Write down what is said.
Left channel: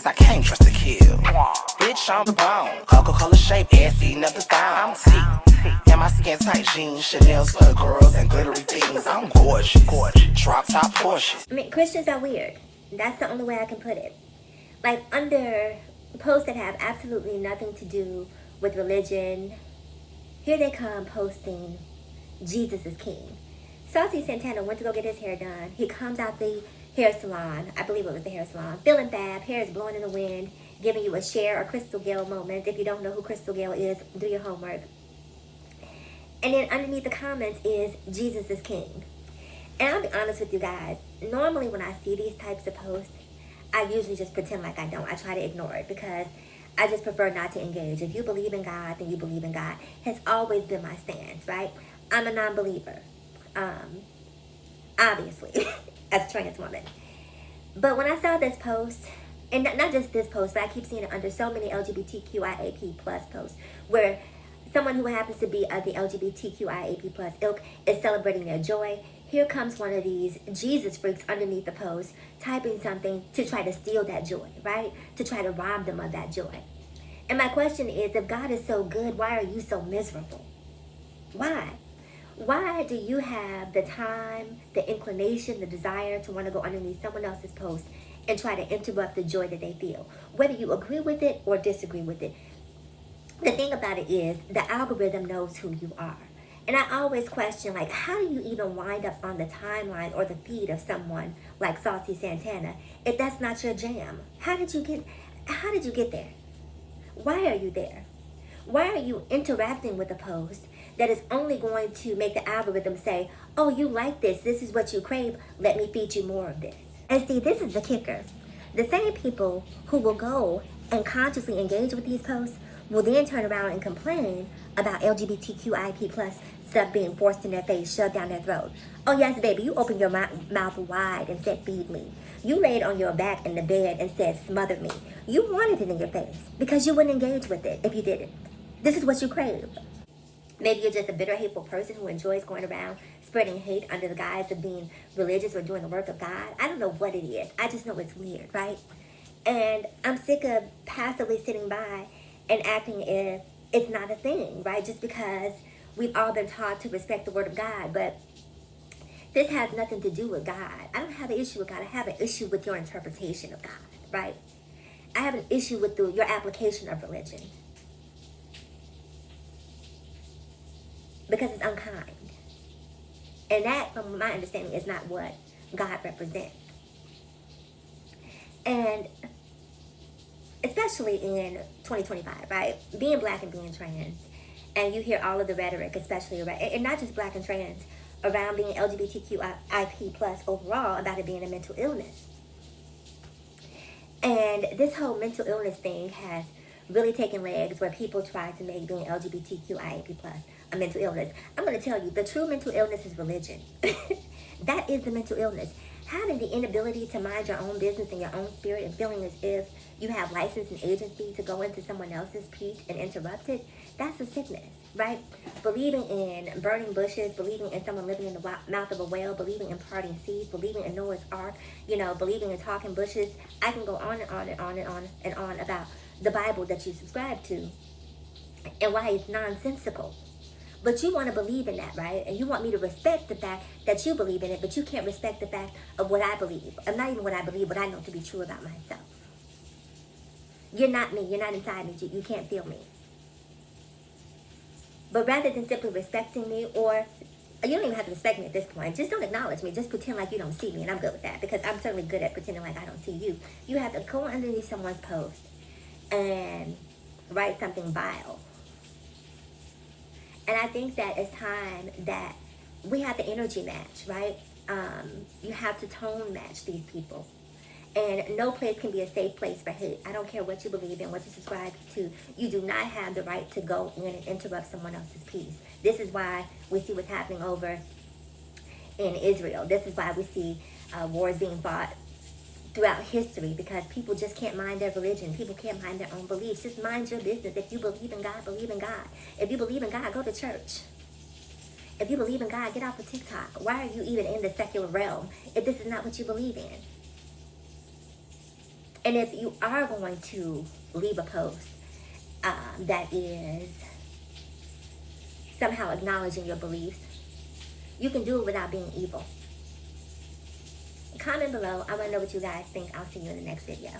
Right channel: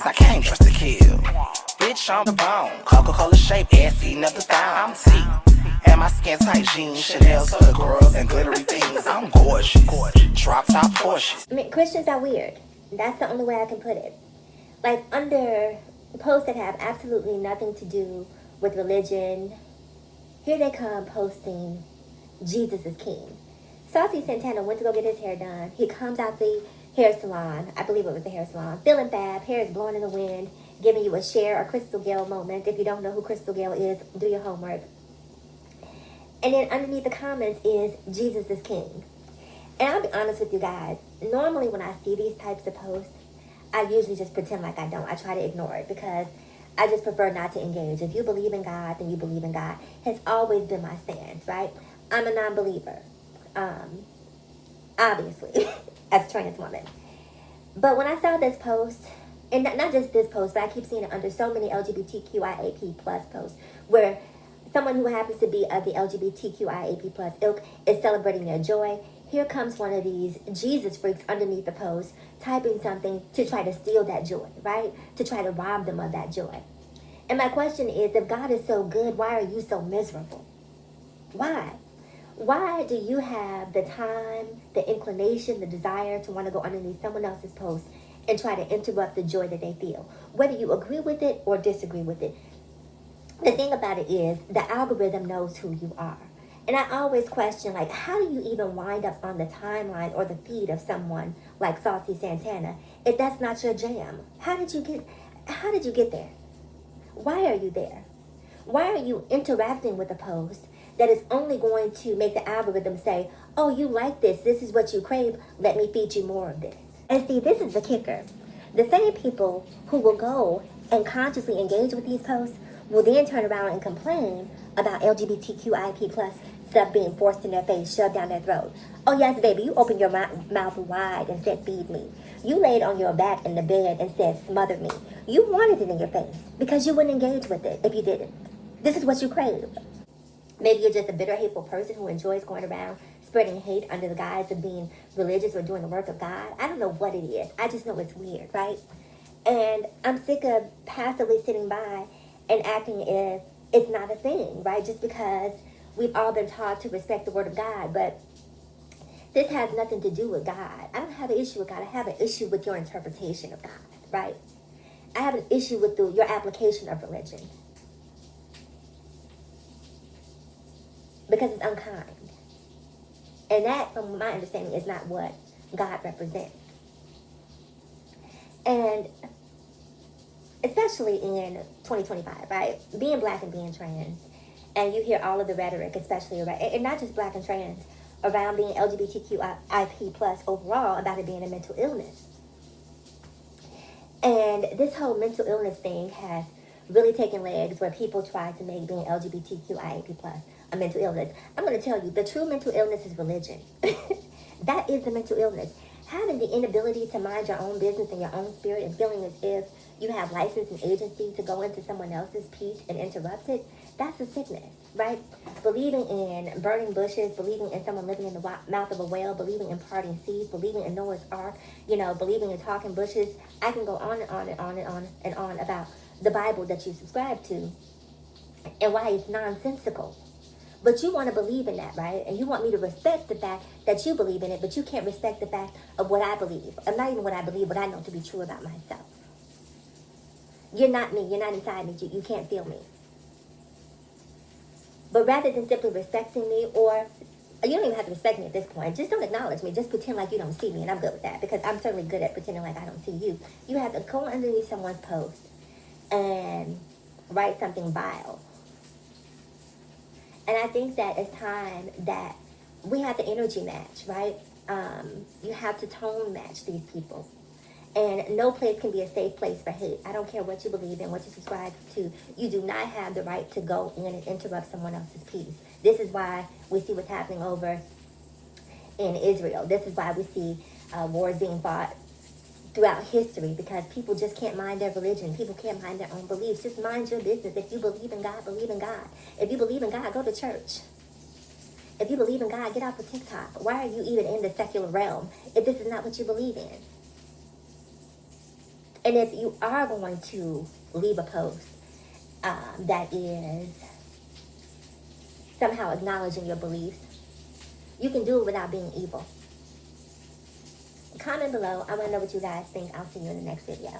cause I can't trust to kill. Bitch, I'm the bone. Coca-Cola shape, ass eating up the thigh. I'm T. And my skin tight jeans, Chanel's for the girls and glittery things. I'm gorgeous. Drop top Porsche. I mean, Christians are weird. That's the only way I can put it. Like, under posts that have absolutely nothing to do with religion, here they come posting Jesus is King. Saucy Santana went to go get his hair done. He comes out the hair salon, I believe it was the hair salon, feeling fab, hair is blowing in the wind, giving you a Cher or Crystal Gale moment. If you don't know who Crystal Gale is, do your homework. And then underneath the comments is Jesus is King. And I'll be honest with you guys, normally when I see these types of posts, I usually just pretend like I don't. I try to ignore it because I just prefer not to engage. If you believe in God, then you believe in God. Has always been my stance, right? I'm a non-believer, obviously, as a trans woman. But when I saw this post, and not just this post, but I keep seeing it under so many LGBTQIAP plus posts, where someone who happens to be of the LGBTQIAP plus ilk is celebrating their joy. Here comes one of these Jesus freaks underneath the post, typing something to try to steal that joy, right? To try to rob them of that joy. And my question is, if God is so good, why are you so miserable? Why? Why do you have the time, the inclination, the desire to want to go underneath someone else's post and try to interrupt the joy that they feel? Whether you agree with it or disagree with it. The thing about it is, the algorithm knows who you are. And I always question, like, how do you even wind up on the timeline or the feed of someone like Saucy Santana if that's not your jam? How did you get there? Why are you there? Why are you interacting with a post that is only going to make the algorithm say, oh, you like this is what you crave, let me feed you more of this? And see, this is the kicker. The same people who will go and consciously engage with these posts will then turn around and complain about LGBTQIP plus stuff being forced in their face, shoved down their throat. Oh yes, baby, you opened your mouth wide and said, feed me. You laid on your back in the bed and said, smother me. You wanted it in your face because you wouldn't engage with it if you didn't. This is what you crave. Maybe you're just a bitter, hateful person who enjoys going around spreading hate under the guise of being religious or doing the work of God. I don't know what it is. I just know it's weird, right? And I'm sick of passively sitting by and acting as it's not a thing, right? Just because we've all been taught to respect the word of God, but this has nothing to do with God. I don't have an issue with God. I have an issue with your interpretation of God, right? I have an issue with your application of religion because it's unkind. And that, from my understanding, is not what God represents. And especially in 2025, right? Being black and being trans, and you hear all of the rhetoric, especially around, and not just black and trans, around being LGBTQIP plus overall, about it being a mental illness. And this whole mental illness thing has really taken legs where people try to make being LGBTQIA+ a mental illness. I'm going to tell you, the true mental illness is religion. That is the mental illness. Having the inability to mind your own business in your own spirit and feeling as if you have license and agency to go into someone else's peace and interrupt it, that's a sickness, right? Believing in burning bushes, believing in someone living in the mouth of a whale, believing in parting seas, believing in Noah's Ark, believing in talking bushes. I can go on and on and on and on and on about the Bible that you subscribe to and why it's nonsensical. But you want to believe in that, right? And you want me to respect the fact that you believe in it, but you can't respect the fact of what I believe. Of not even what I believe, what I know to be true about myself. You're not me. You're not inside me. You can't feel me. But rather than simply respecting me, or you don't even have to respect me at this point. Just don't acknowledge me. Just pretend like you don't see me, and I'm good with that because I'm certainly good at pretending like I don't see you. You have to go underneath someone's post and write something vile. And I think that it's time that we have the energy match, right? You have to tone match these people. And no place can be a safe place for hate. I don't care what you believe in, what you subscribe to. You do not have the right to go in and interrupt someone else's peace. This is why we see what's happening over in Israel. This is why we see wars being fought throughout history, because people just can't mind their religion. People can't mind their own beliefs. Just mind your business. If you believe in God, believe in God. If you believe in God, go to church. If you believe in God, get off of TikTok. Why are you even in the secular realm if this is not what you believe in? And if you are going to leave a post that is somehow acknowledging your beliefs, you can do it without being evil. Comment below. I want to know what you guys think. I'll see you in the next video.